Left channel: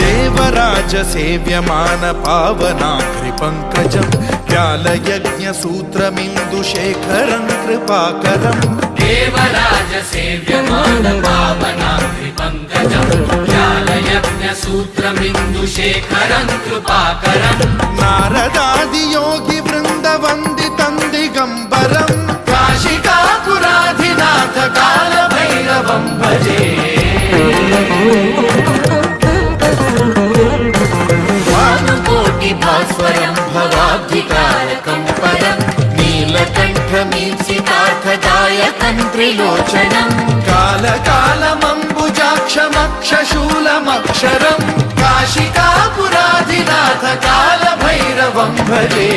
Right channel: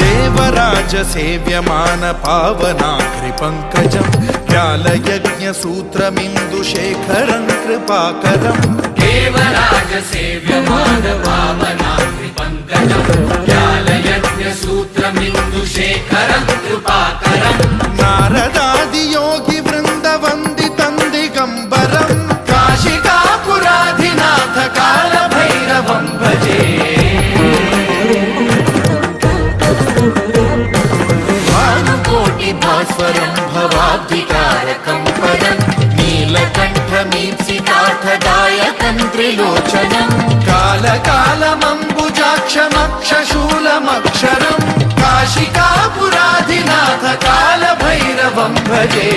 देवराज सेव्यमान पावनाग्रि पंकजं व्यालयज्ञ सूत्रमिन्दुशेखरं कृपाकरं देवराज सेव्यमान पावनाग्रि पंकजं व्यालयज्ञ सूत्रमिन्दुशेखरं कृपाकरं नारदादि योगी वृंद वंदितं दिगंबरं काशिकापुराधिनाथ काल भैरवं भजे भानुकोटि भास्वरं भवाब्धितारकं परं नीलकण्ठमीप्सितार्थदायकं त्रिलोचनं कालकालमम्बुजाक्षमक्षशूलमक्षरं काशिकापुराधिनाथ काल भैरवं भजे।